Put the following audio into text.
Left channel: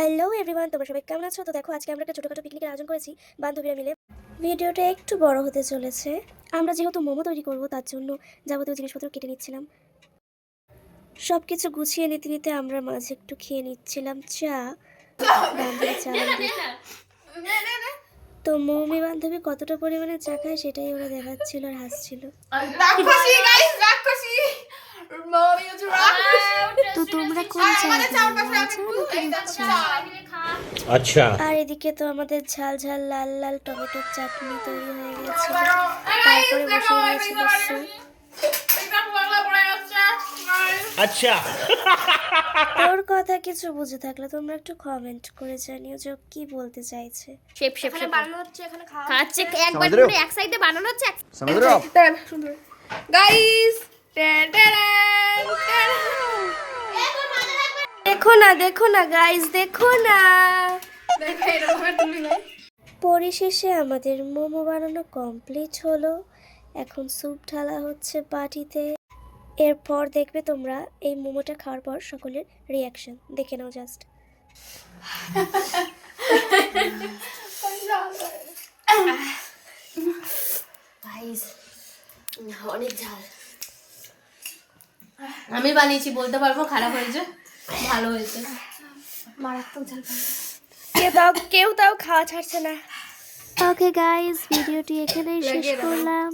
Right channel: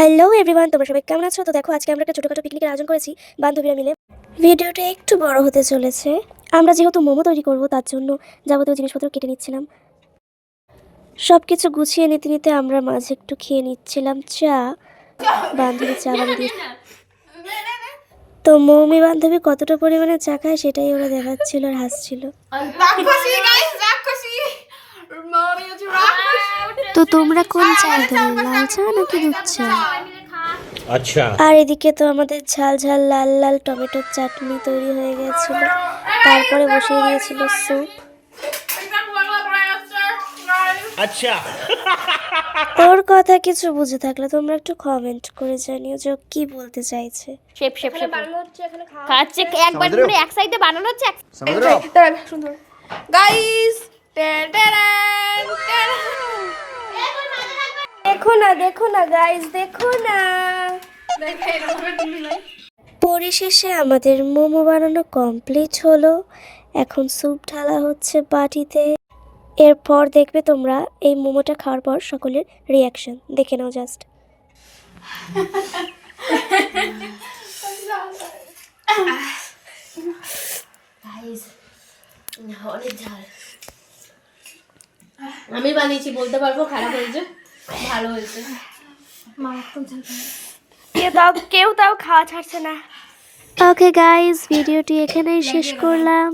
Hello everyone, তোমরা সবাই কেমন আছো? তো দেখো, আজকে আমরা একটা ছোটোখাটো পিকনিকের আয়োজন করেছি বান্ধবীরা মিলে। ভিডিওটা একটু বড় হতে চলেছে। আমরা যেহেতু মোমো তৈরি করব, তার জন্য যাবতীয় জিনিসপত্র কেটে নিচ্ছিলাম। সব কিছু গুছিয়ে নিতে নিতে আমরা মাঝে একটু খেয়ে নিচ্ছিলাম চা। বান্ধবী চা বানিয়ে, তো মৌমি বান্ধবী কতটা পরিমাণে চা খায় সেটাই ওরা দেখাচ্ছিল আর হাসছিল। তো তোমরা কোন চা দেবে, লাল চা নাকি দুধ চা? আচ্ছা। আর এদিকে তো আমাদের ঝাল ঝাল লাল লাল টমেটোর চাটনি তৈরি হয়ে গেছিল। তারপরে বসিয়ে দিয়েছিল স্যুপ। আচ্ছা। ওর কথা কিছু বুঝে থাকলে তোমরা একটু কমেন্ট করে জানিও যে ও কি বলতে চাইছে। শেপ শেপ শেপ বানানো হচ্ছে, এখানে খাওয়া খাচ্ছে একবার করে এক সাইডে বানানো হচ্ছে समझ रहे हो आप? সুন্দর গাইস দেখো না দেখো না গাইস, দেখো না। পরিশেষে আমাদের মোমো বানানো কমপ্লিট হলো। এখন স্যুপ ঢালা হচ্ছে বাটিতে। এরপর দেখবে তোমরা এই মোমোটা খাওয়ার পর সকলের রিয়াকশন দেখে নাও জাস্ট। অনেক ঝাল। আমি বানিয়েছি, বলতে পারবো খারাপ হয়েছে ভালো হয়েছে। মারাত্মক ঝাল। কেউ তাও খাওয়া ছাড়ছে না। ওকে গাইস, ভিডিওটি এখানেই শেষ করলাম।